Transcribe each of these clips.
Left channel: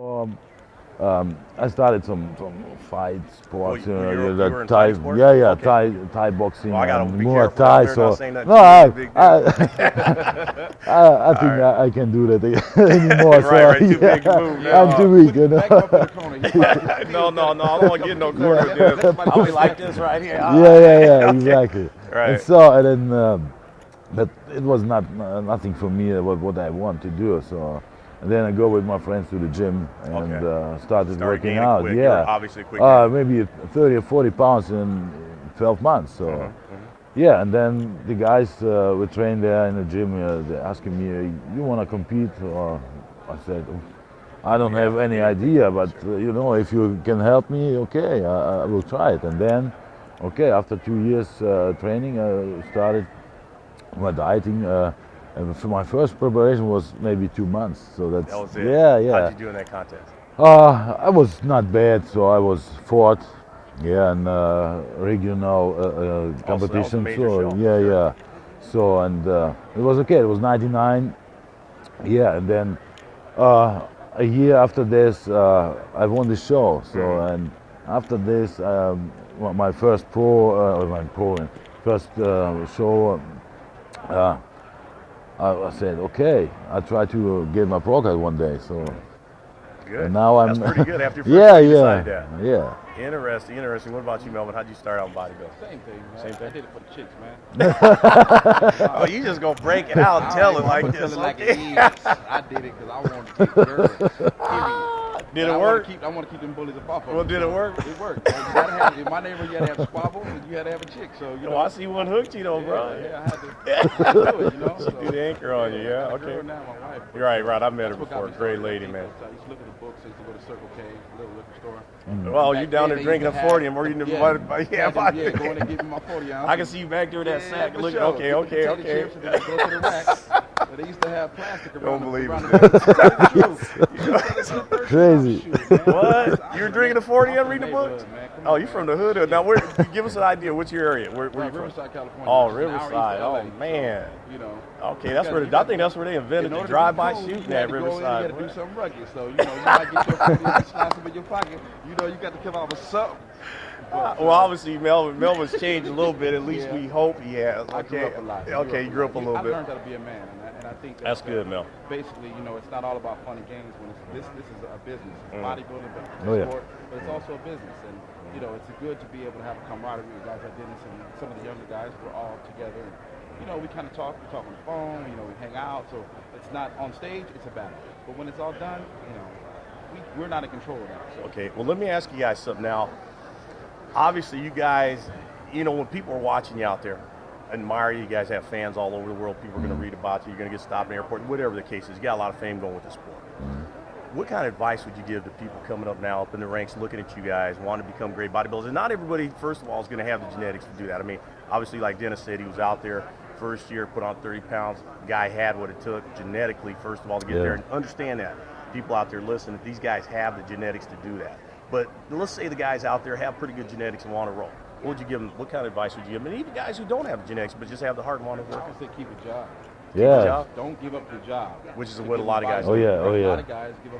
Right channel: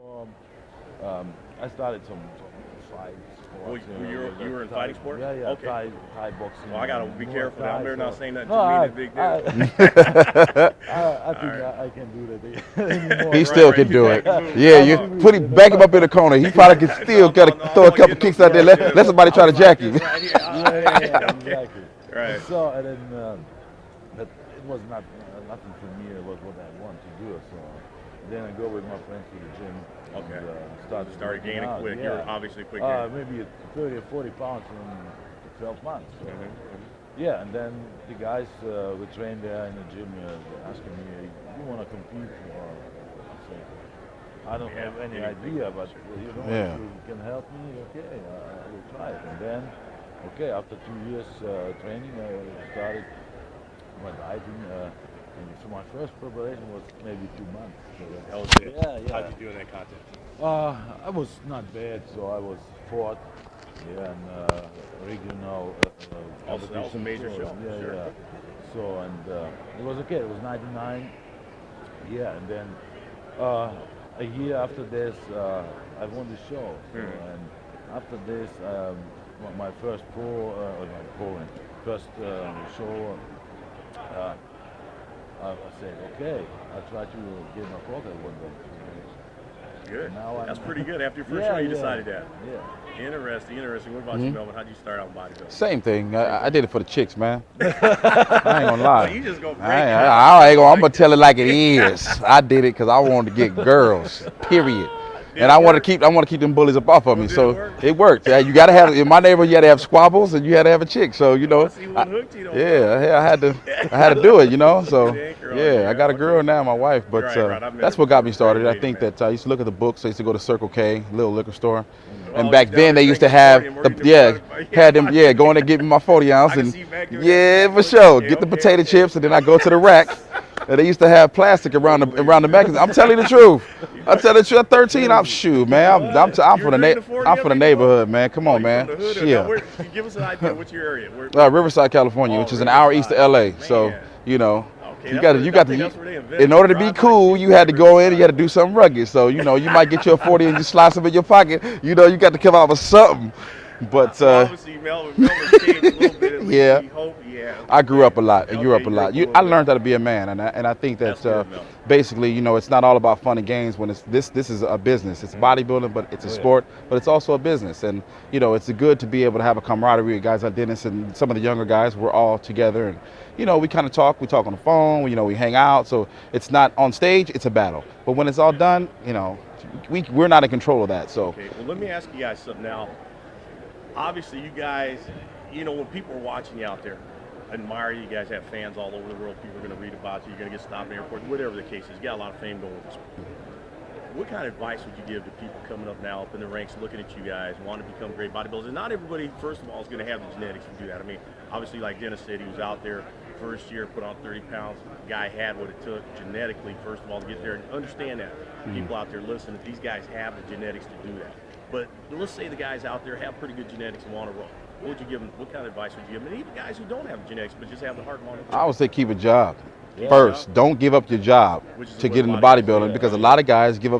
Um, I started some fight sports. You The were in Thai, fight sports? yeah, yeah, Okay. Thai boxing, Well, I gotta be Muay careful out Thai. there So not saying that no, too I, big I, I think right. I can do that anymore. He still right, can do it. big move. Yeah, I'm you too weak, put you him, know? back him up in the corner. He probably can still No, throw I'm a not couple getting no kicks out there. punches. Let somebody try I to was like jack you. this right here. Yeah, Okay. exactly. Right. And so, and then, but it was not nothing for me. What I want to do. So, and then I go with my friends to the gym and Okay. started working gaining out. quick. You were Yeah, obviously quick. gainer. maybe 30 or 40 pounds in 12 months. So. Mhm. Yeah, and then the guys we trained there in the gym. They're asking me, "You want to compete?" Or I said, "I don't have any idea, but if you can help me, okay, I will try it." And then, okay, after 2 years training, I started my dieting. And for my first preparation was maybe 2 months. So that's That was it. yeah. How'd you do in that contest? I was not bad, so I was fourth. Yeah, and regional competition. major So show, yeah, sure. yeah. So and it was okay. It was 99. Yeah, and then a year after this, I won the show. So and after this, my first first show. Uh, I said, okay, I try to get my pro card one day. So Good. and now I'm. That's pretty good after your first Yeah, year you yeah, decided that. yeah. Interesting. What about you, Melvin? How'd you start out in bodybuilding? Same thing. I did it for the chicks, man. I ain't gonna lie. Oh, you just gonna break it I'm out. gonna tell it like it is. I did it because I wanted to get girls. Period. Did And it I want work? to keep them bullies up off of me. did So it work? it worked. Yeah, you gotta have in my neighborhood. You had to have squabbles and you had to have a chick. So I see one hooked you, I had to do it. So You ain't girl, yeah, I yeah, got a girl okay. now, my wife. But Right, I met that's her what got me before. started. Great I lady, think man. that I used to look at the books. I used to go to Circle K, little liquor store, Oh, and back you down then there they used to drinking have 40 and working the front- had them going to get me my 40 ounce I can and see you back there with yeah, that for sack. sure. Okay, Get the okay, potato okay. chips and then I go to the racks. And they used to have plastic around Don't believe the it. magazine. I'm telling you the truth. I'm telling you the truth. At 13, I'm shoot, man. I'm What? from You the drink the 40 I'm from the every neighborhood, man. Come Oh, on, you man. from the hood? Shit. Now, give us an idea. What's your area? Where, Riverside, California, Oh, which is an hour east of Riverside. LA. So, Man. you know, Okay, you that's got where- you I got think to that's where they invented in order to be drive-by cool, shooting you had to go in, at you had to do something rugged. So, you might get you a 40 and you slice them in your pocket. You got to come out with something. But well, obviously, Melvin's changed a little bit. At least Yeah. he hoped he had. I grew up a lot. Okay, I grew up a you lot. little I bit. learned how to be a man, and I think that That's good, Mel. basically, it's not all about fun and games. When this is a business. It's bodybuilding, but it's a sport, but it's also a business. And it's good to be able to have a camaraderie with guys like Dennis and some of the younger guys. We're all together, and we kind of talk. We talk on the phone. We hang out. So it's not on stage. It's a battle. But when it's all done, we're not in control of that. So Okay, well, let me ask you guys something now. Obviously, you guys, when people are watching you out there, admire you. You guys have fans all over the world. People are going to read about you. You're going to get stopped in airports, whatever the case is. You got a lot of fame going with the sport. What kind of advice would you give to people coming up now, up in the ranks, looking at you guys, wanting to become great bodybuilders? And not everybody, first of all, is going to have the genetics to do that. I mean, obviously, like Dennis said, he was out there first year, put on 30 pounds. Guy had what it took genetically, first of all, to get there. And understand that. People out there listening, these guys have the genetics to do that. But let's say the guys out there have pretty good genetics and want to roll. What would you give them? What kind of advice would you give them? And even guys who don't have genetics but just have the heart and want to roll. I would say keep a job. Yeah. First, don't give up your job Which is to what get a into lot of guys bodybuilding do. because Oh, a yeah. lot of guys give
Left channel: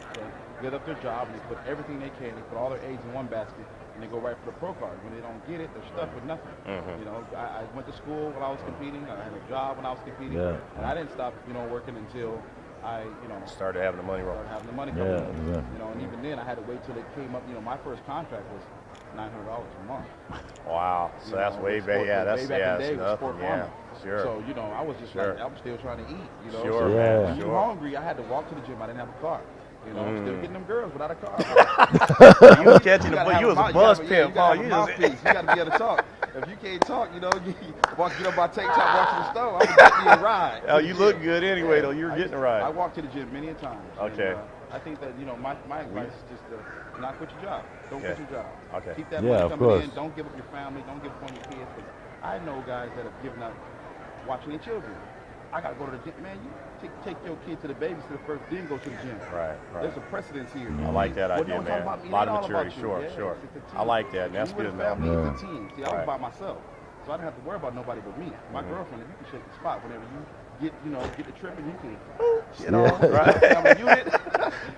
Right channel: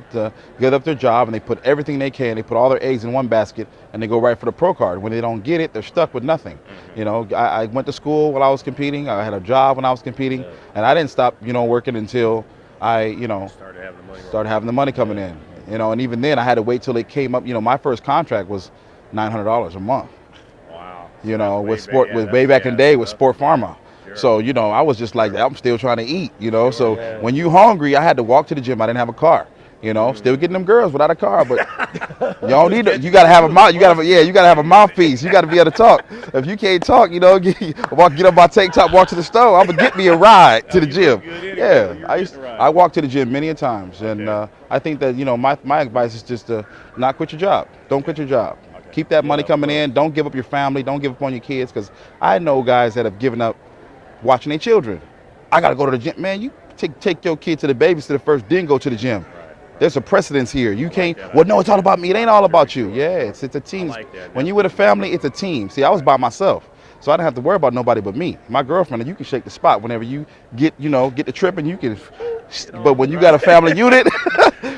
up their job and they put everything they can. They put all their eggs in one basket and they go right for the pro card. When they don't get it, they're stuck with nothing. I went to school while I was competing. I had a job when I was competing, and I didn't stop working until I Started having the money. started having the money coming in. And even then I had to wait till it came up. My first contract was $900 a month. Wow. So With that's sport, yeah, with that's- way back in the day with that's Sport nothing. Pharma. Sure. So I was just like, I'm still trying to eat. So Yeah. when you hungry, I had to walk to the gym. I didn't have a car. Still getting them girls without a car, but you gotta have a mouth. You gotta have a mouthpiece. You gotta be able to talk. If you can't talk, get up my tank top, walk to the store. I'm gonna get me a ride to the you gym. look good anyway. You're getting a ride. I walk to the gym many a times, and Okay. I think that my advice is just to not quit your job. Don't quit your job. Okay. Keep that money of coming course. in. Don't give up your family. Don't give up on your kids, because I know guys that have given up watching their children. I gotta go to the gym, man. You take your kid to the babysitter first, then go to the gym. Right. There's a precedence here. You like can't. that Well, no, idea. it's all about me. It ain't all about you. Sure, Yeah, sure. it's a team. like that. When That's you with a good. family, it's a team. See, I was by myself, so I didn't have to worry about nobody but me. My girlfriend, and you can shake the spot whenever you get the trip, and you can. But when you got a family unit,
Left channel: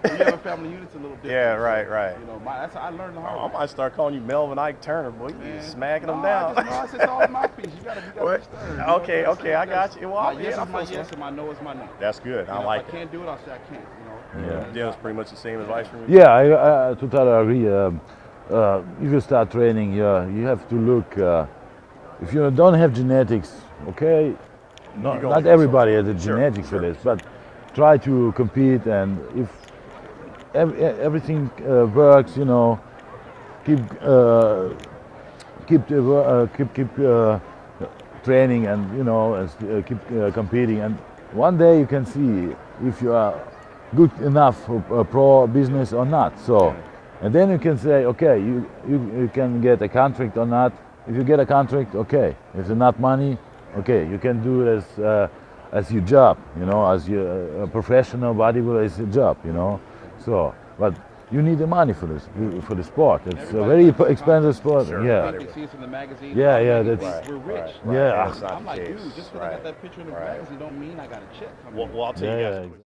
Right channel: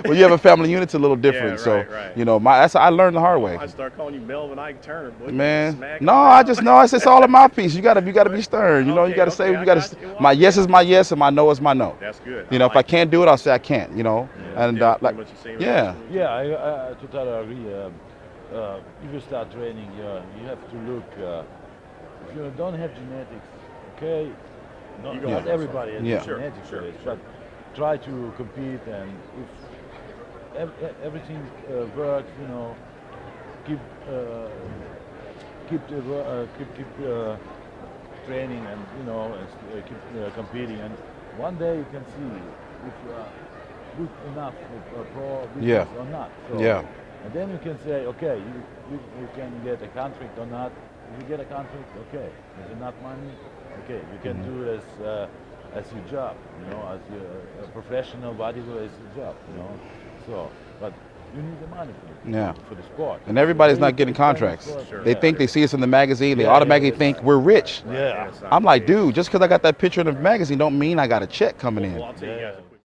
When you have a family unit, it's a little different. Yeah, so, right. you know, I learned the hard way. I start calling you Melvin Ike Turner, boy. Man, Smacking no, him I down. just know it's all in my piece. You gotta be stern. You know, you gotta Okay, say, I you gotta. got you. Well, My yes yeah, is my yes, and my no is my no. That's good. You know, if I can't do it, I'll say I can't. You know, Yeah. and Dan's like, pretty much the same. yeah. Yeah, I totally agree. If you start training, you have to look. If you don't have genetics, okay, not everybody has the Yeah. genetics for this, but try to compete, and if everything works, you know, keep training, and you know, keep competing, and one day you can see if you are good enough for pro business or not. So, Yeah. and then you can say, okay, you can get a contract or not. If you get a contract, okay. If it's not money, okay, you can do it as your job, you know, as a professional bodybuilder is a job, you know. So, but you need the money for this, for the sport. And It's a everybody's very not getting expensive contracts. sport. They Yeah. think they see us in the magazine. They Yeah, automatically yeah, think that's we're rich. Yeah. I'm like, dude, just because I got that picture in the magazine don't mean I got a check coming in. Well, I'll tell you guys a Yeah. quick